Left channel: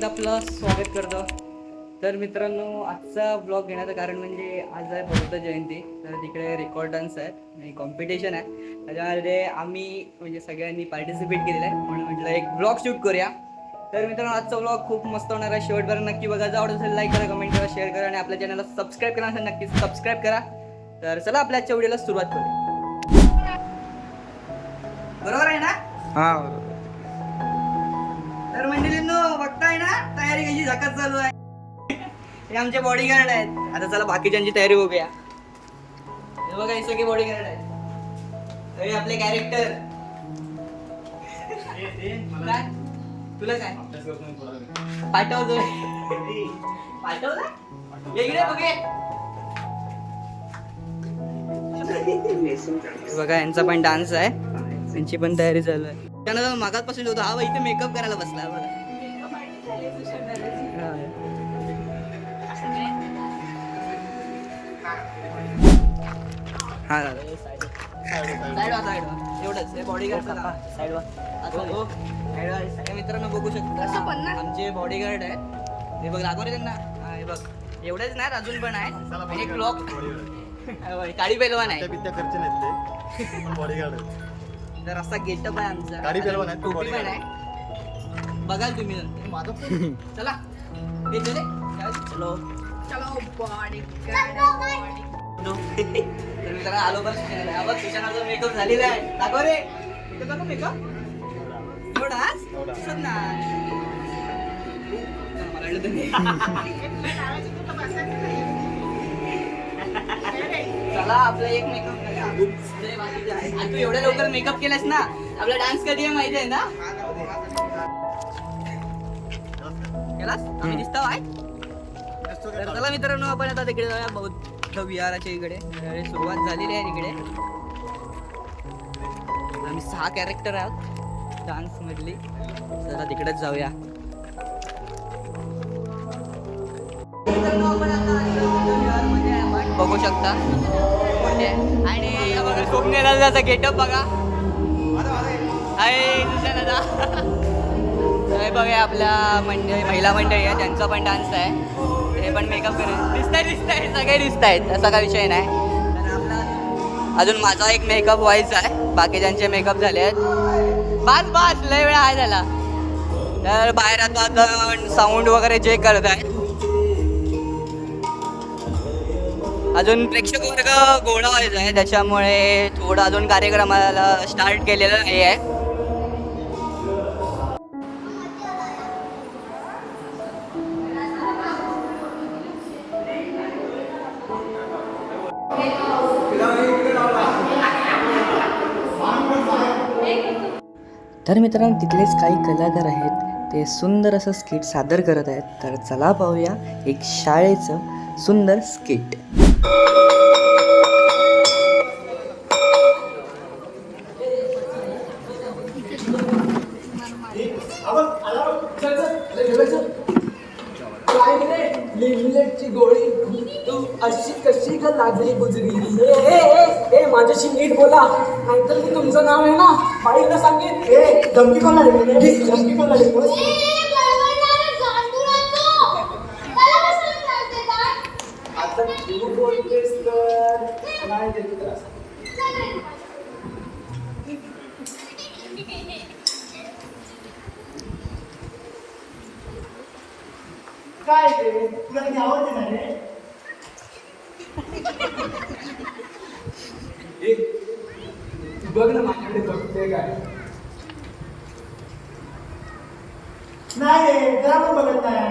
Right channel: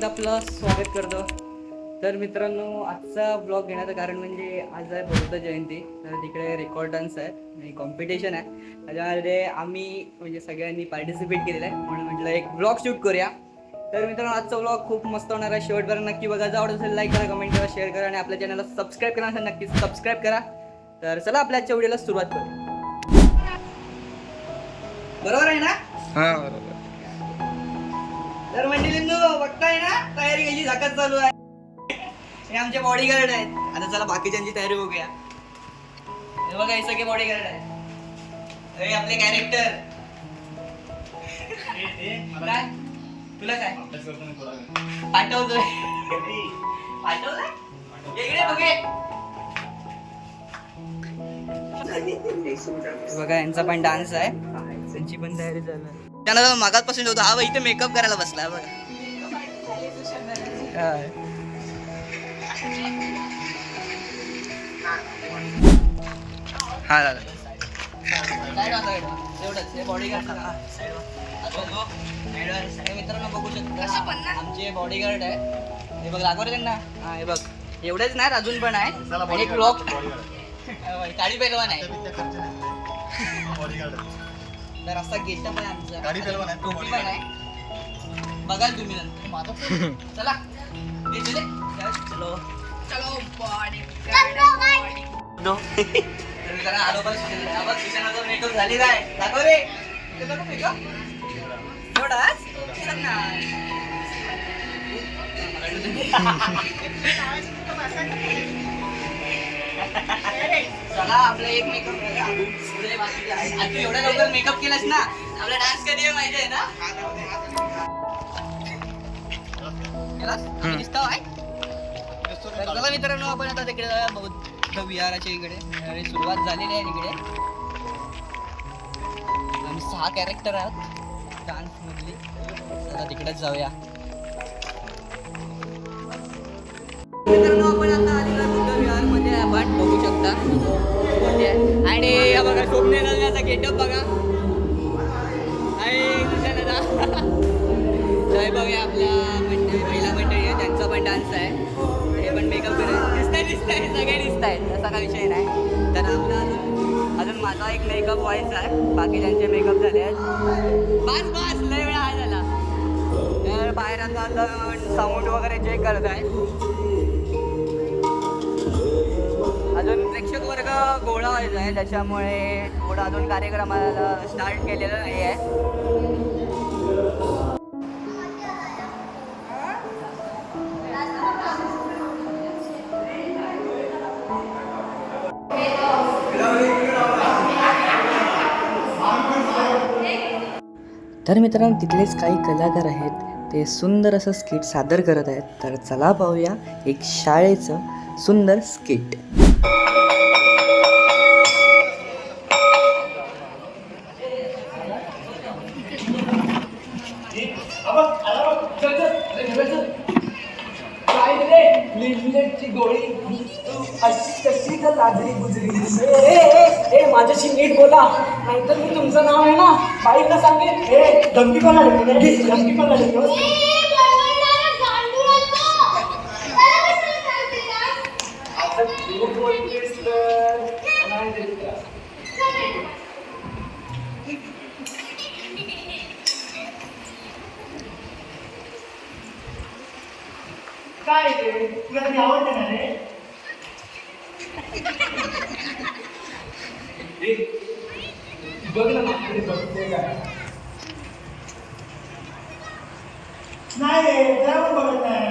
एकदा आपलं स्वागत करतो. तर मित्रांनो आजचा ब्लॉग घेण्याचं कारण म्हणजे आज आहे बौद्ध जयंती. तर तिकडे रेकॉर्ड डान्स आहे आणि कॉम्पिटिशन आहे. त्याच्यामध्ये आम्ही म्हणजे सगळ्यांनी पार्टिसिपेट केलेलं आहे. म्हणून म्हटलं एक ब्लॉग शूट करूया. तर मित्रांनो आजचा ब्लॉग खूप मस्त होणार आहे. शेवटपर्यंत नक्की बघा. जर आवडत असेल लाईक करा कमेंट करा शेअर करा आणि आपल्या चॅनलला सबस्क्राईब करा. असेल नक्की सबस्क्राईब करा. तर चला आपल्या आजच्या व्हिडिओला सुरुवात करूया. बरोबर आहे ना? हा बरोबर. तर मंडळींनो बघताय ना तयारी कशी झाकत चालू आहे. हे आमचे बॉडीगार्ड आहेत. आता चला बाकीच्यांची तयारी बघूया. हे बघा हे सगळे बॉडीगार्ड आहेत. हे आपले कॅरेक्टर काय? तुला काय? पाठवतोय. पाठवलं ये इकडे बघे बघा यांचा पण डान्स आहे. त्यांची पण तयारी चालू आहे. त्यानं मागासपासून होतो हा इथे मेकअप करायला बसला बघा. हा. हा दादा एवढंच हे बॉडीगार्डचं आहे. Side आता मित्रांनो बघू शकता आमचे बॉडीगार्ड आहे हे बघ लागवड रे त्यांना हे बघ एवढेच नाही अजून पण आहे आणि क्लॉक काळी पैलवान आहे तर असा गेटअप आहे आमचा काळी आहे, टोपी पण आहे बघाल तुम्ही नंतर. चला. ये चले. चलो चलो बॉडी तर मित्रांनो आलो. हा बघ, मेकअप झालेला आहे दाखव रे. इथे दाखव मेकअप. एवढाच दिसत नाही. मला वाटलं तुम्ही- चला आपला एक मेकअप करा. पुढे बाकीचे आहे. आणि तू एवढ्या लवकर मेकअप केलास ना आपला डान्स कधी आहे माहिती आहे ना? केलास आम्ही दिसतो आहे तर चला मित्रांनो आपण आता तिकडे जाऊया. बौद्ध विहाराच्या इकडे. सुरुवात झालेली आहे तिकडे. आम्ही सहा कॅरेक्टर आहोत. डान्स मधली. चला तिकडेच जाऊया. मित्रांनो आपण आता आलेलो बुद्ध विहारमध्ये आहे. आपण बघू शकता मोठे आहे. आणि हे बघा सोमनेला गेटअप बघा. आहे सुशांतचा हे बघा आपल्या मंडळी महिला मंडळी आहे त्यांचा पण डान्स आहे. ते पण मेकअप करेल. दिसत आहे दिसत आहे सगळे दिसत आहेत असा काही विषय नाही. तर आपला अजून- माझा एक मेकअप व्हायचा आहे. बाकीच्यांचे मेकअप झाले आहेत. बस बस लय वेळा आहे त्याला तर बाहेर आता साऊंड वगैरे जे करत आहेत. अजून प्रेक्षक वर्ग गोळा व्हायचा आहे. त्याच्यामुळे थोडं अजून कार्यक्रमाला स्टार्ट केलेलं नाही आहे तर मित्रांनो तिथलेच काही कलाकार आहेत. ते सुंदर असं स्किट सादर करत आहेत. तर चला पाहूया एक शाळेचं सुंदर स्किट काय रे लिमलेटची गोळी. तू अशी कशी का लागली गुजरी ए, ए, ए, ए, माझ्याशी नीट बोला. नाहीतर मी तुमचं नाव आहे ना बाईला सांगेन. ए धमकी कोणा देते? धमकी कोणा देते आता तू बोलतेस तर नाही देत त्रास. काय रे तुला ती आवडते ना रे? बघ ना माझ्याकडे बघते काय नाही जरा पण बघत नाही.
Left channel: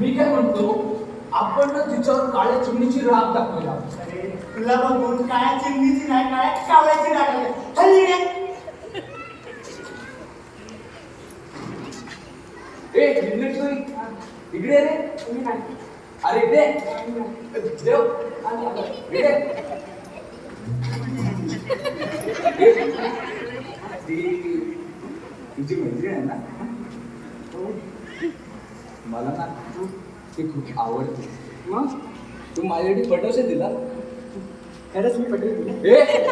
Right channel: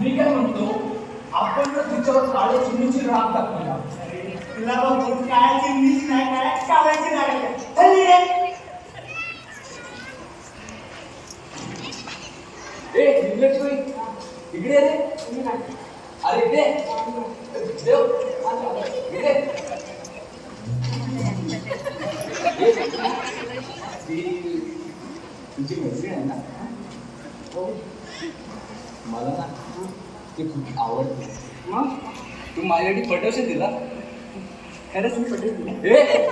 मी काय म्हणतो आपण ना तिच्यावर काळ्या चिमणीची राग दाखवला. अरे तुला बघून काळ्या चिमणीची नाही काय काळ्याची राग हल्ली ती माझ्यासाठी पटवशील तिला? खरंच मी तुला? ए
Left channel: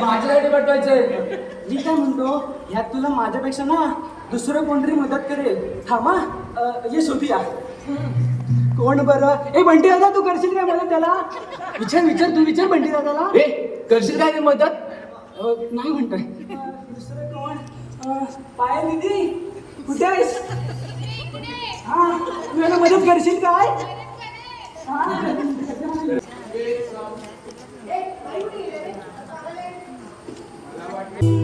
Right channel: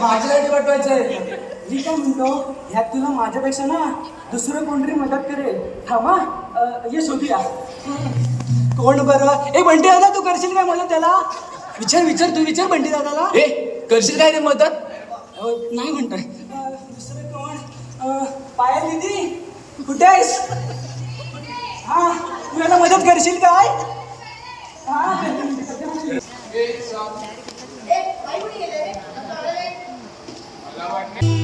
माझ्यासाठी पाठवायचंय मी काय म्हणतो ह्यात तुला माझ्यापेक्षा ना दुसरं कोणतरी मदत करेल. थांबा अं, ये शोधूया. कोण बरं? ए बंटी दादा तू करशील काय मदत त्याला? विचार विचार तू विचार बंटी दादाला. ए करशील काय रे मदत? अं, नाही म्हणतोय. अं, दुसरं कोण? अं, पायल दिदी कुठे आहेस? हा तू याला मदत करशील काय? मला वाटलं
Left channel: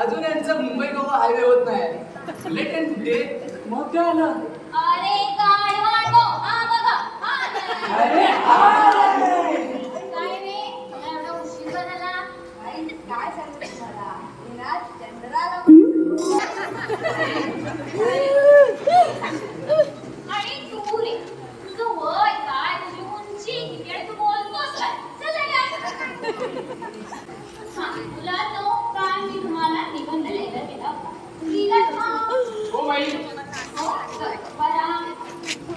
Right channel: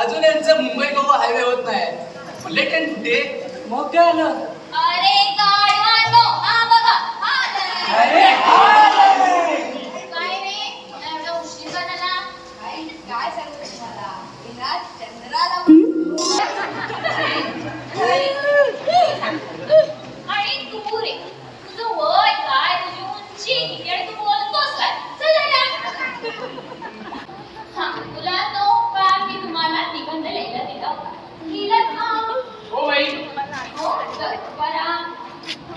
अजून यांचं मुंबई गोवा हायवे होत नाही. बुलेट ट्रेन कुठे? मग काय आलं अरे हा बघा हा आला. अरे काय रे? तुला एवढा उशीर का झाला काय काय सांगू तुम्हाला? येणार चंद्राला आणि तू रे. तुझं वय काय? तुझी उंची किती आणि तू बोलतोस काय? चल जाऊया. हा मुलांनो काल मी तुम्हाला निबंध लिहायला दिला होता लिहिलात का हो बाई. हो तर बरा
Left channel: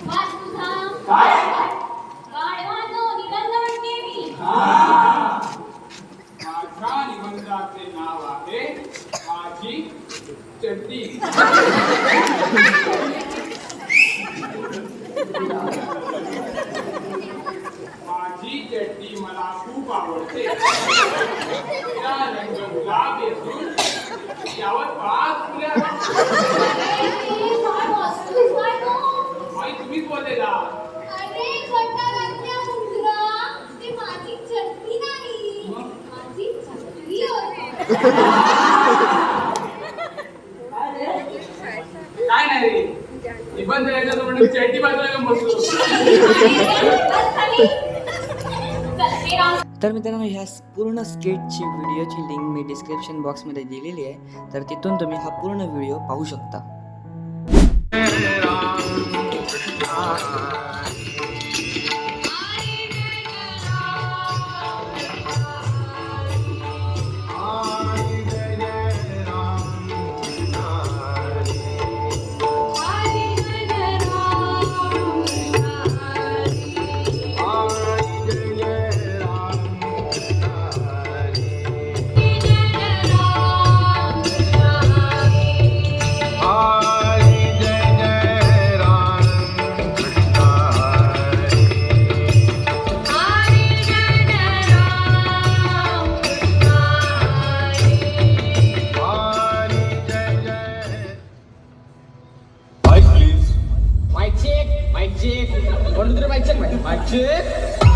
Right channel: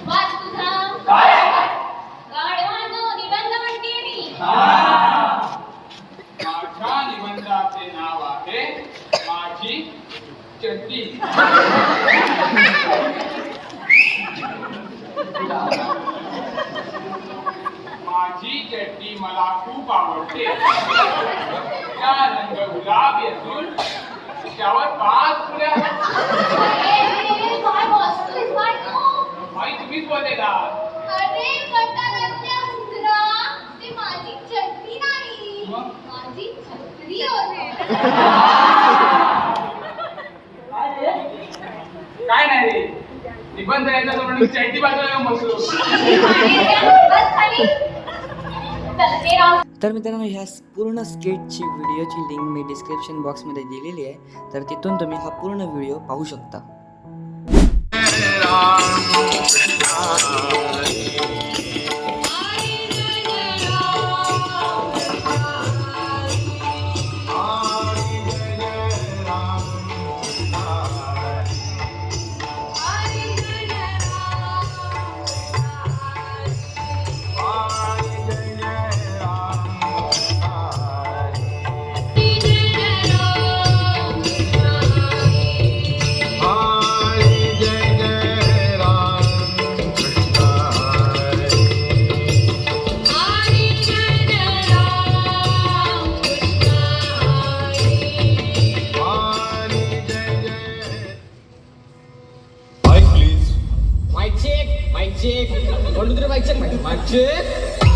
वाच तुझा. काय? गाढवानो निबंध म्हणते मी. माझ्या निबंधाचे नाव आहे माझी चड्डी. माझी चड्डी मला खूप आवडते. हिरव्या रंग गुलाब येतून त्यावर पाच फुल्या माई तुम्हीच बोललेला अरे काय नाही रे. निबंध यायचा तो म्हणजे चैटी बाजूला का बसलो. तर मित्रांनो ह्या पूर्ण स्केटची व्हिडिओची लिंक मी डिस्क्रिप्शन बॉक्समध्ये दिलेली आहे. तर तिथून तुम्ही हा पूर्ण व्हिडिओ पाहू शकता. माईक चेक म्हणून तर माईक चेक माईक चेक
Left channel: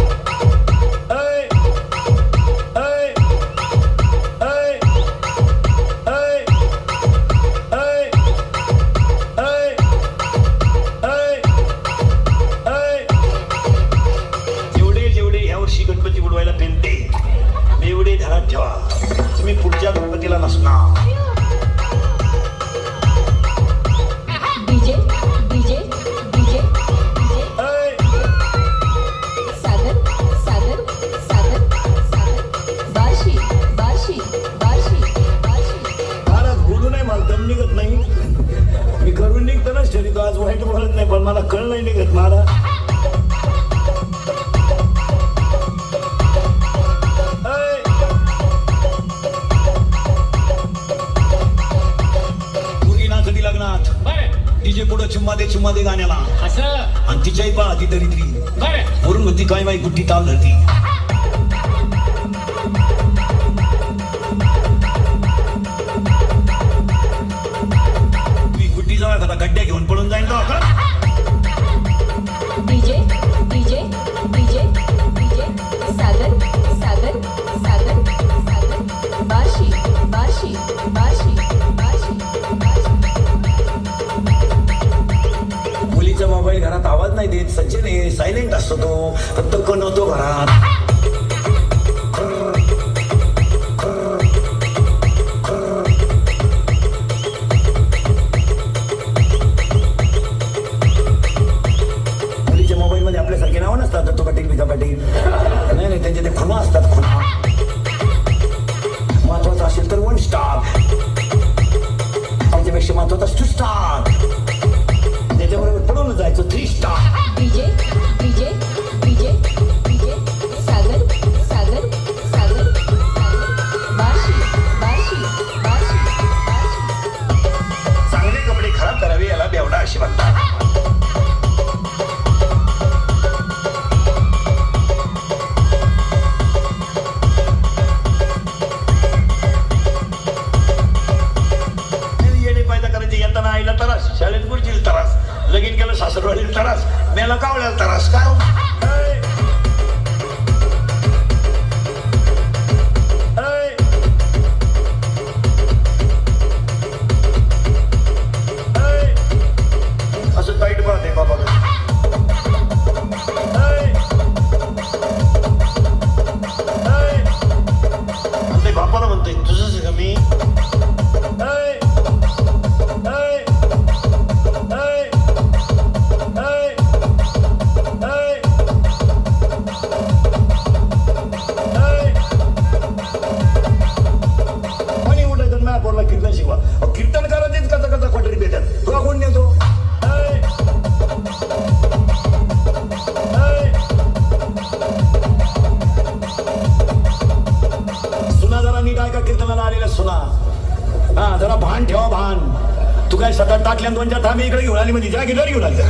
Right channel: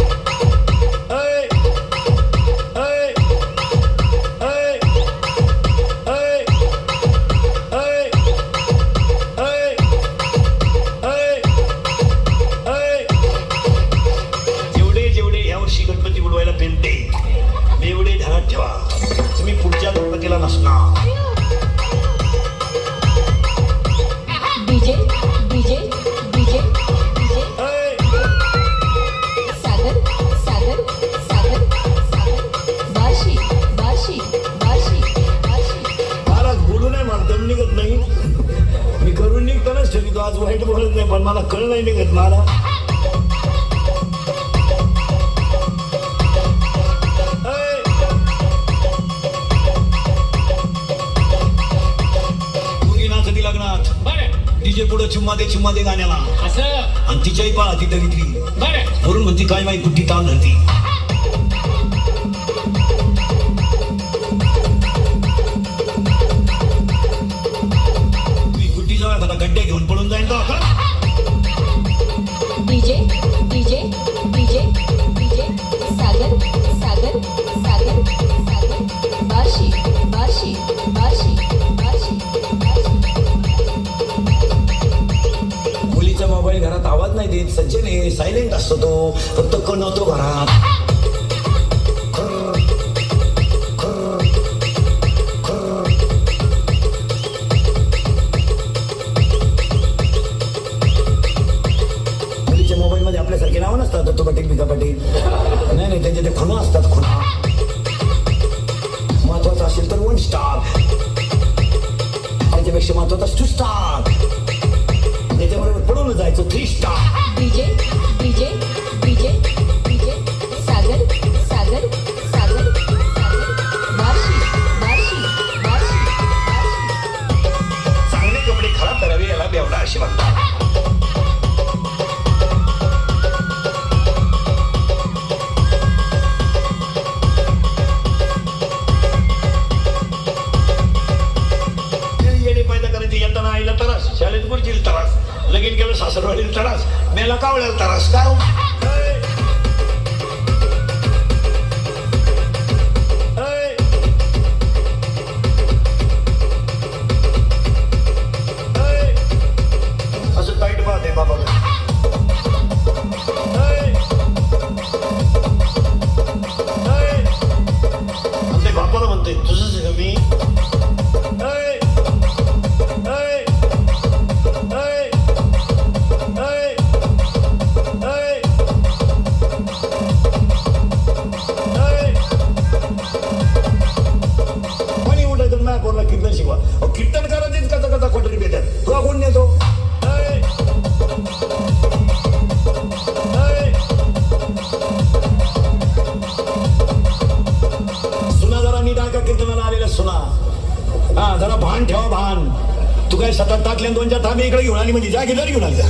वाईट बोलत नाही पण मला कळ नाही निघत मला पुढं चुम्मा दे चुम्मा दे गाण्याला. असं? आणि तिच्याही पहा ती दरिद्री वरून म्हणती काय बाई गुट्टी ताल धरती. घरात आवाज नाही देत सज्जन आहे सायलेंट असतो तो फक्त कणवतो घरात. ಜಾಗಿದಾರಿಗೂ ಅಲ್ಲ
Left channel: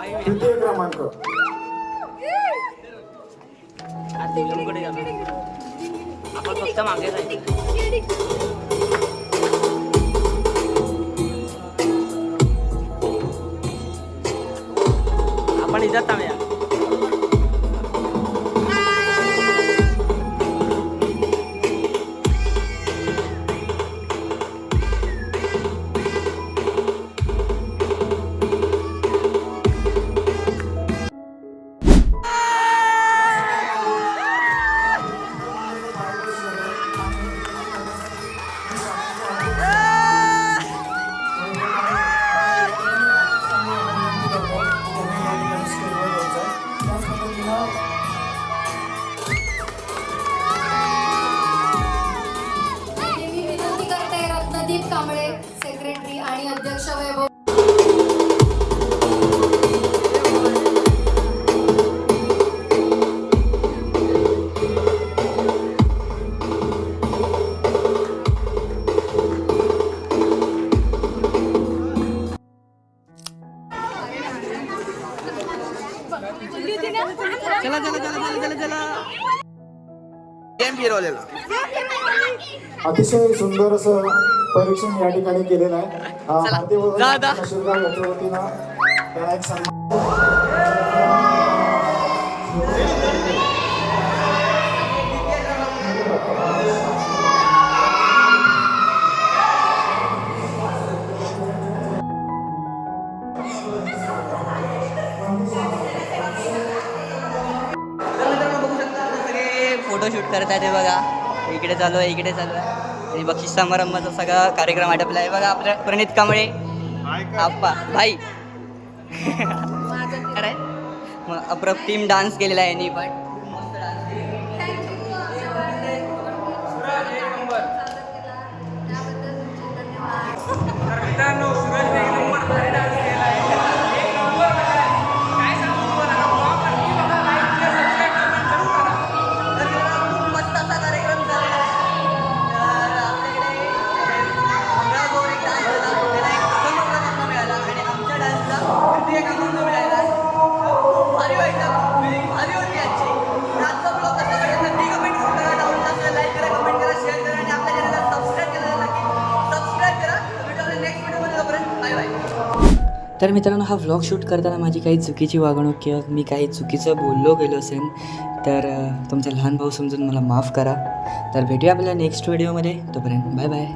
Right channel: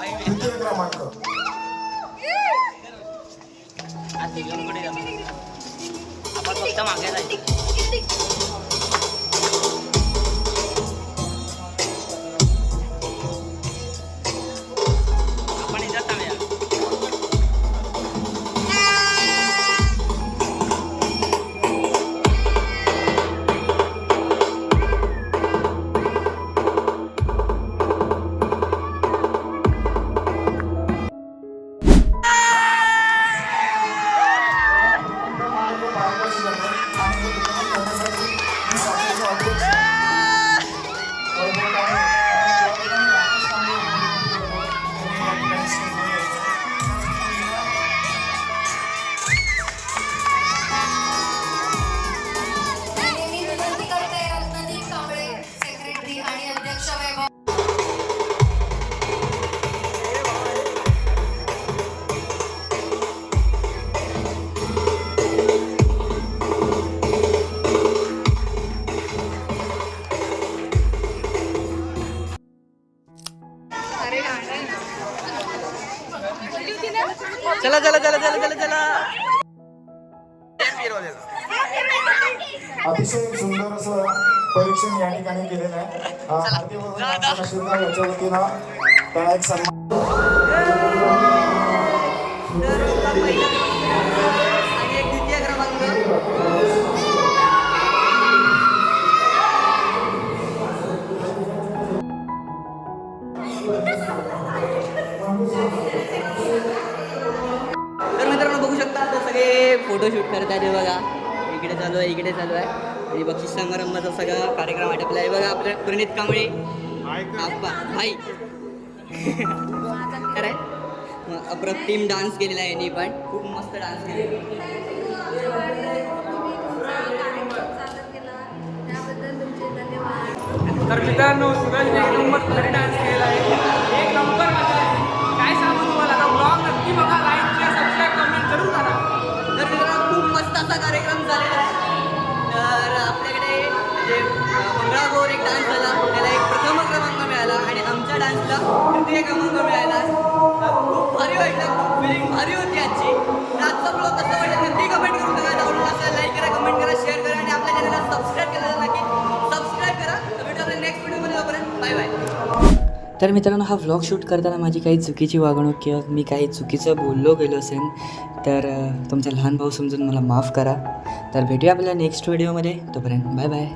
तृतीय क्रमांक आपण फक्त मागे जायचं. मध्यवर्ती याच्या वतीनं एक सन्मान तर मित्रांनो बघू शकता आता सगळे फोटोशूट करत आहेत ते बघा. इकडे चालू आहे इकडे चालू आहे. आणि बक्षीस समारंभाचा सगळा कार्यक्रम आटपला आहे. बघा आपल्या प्रणित कांबळे. आप्पा भाई. खरंय. मग अप्रतिम डान्स केलेला आहे यांनी पण. खूप मस्त डान्स केलेला त्याबद्दल तुमचे धन्यवाद तर मित्रांनो नंबर डान्स तृतीय क्रमांक मिळाला अं, खूप भारी वाटलं खूप फिलिंग भारी होती आजची. तर आजचा ब्लॉग कसं वाटलं नक्की कमेंट करून बघा. आवडला असेल लाईक करा कमेंट करा शेअर करा आणि आपल्या चॅनलला सबस्क्राईब केलं नक्की सबस्क्राईब करा. तर भेटू आपल्या नेक्स्ट व्हिडिओमध्ये तोपर्यंत बाय बाय तर मित्रांनो हा व्लॉग शूट करताना माझी काही चुकीची वागणूक किंवा मी काही चुकीचं बोललो गेलो असेल तर तुमचा लहान भाऊ समजून मला माफ करा. तर भेटूया आपल्या नेक्स्ट व्हिडिओमध्ये तोपर्यंत बाय बाय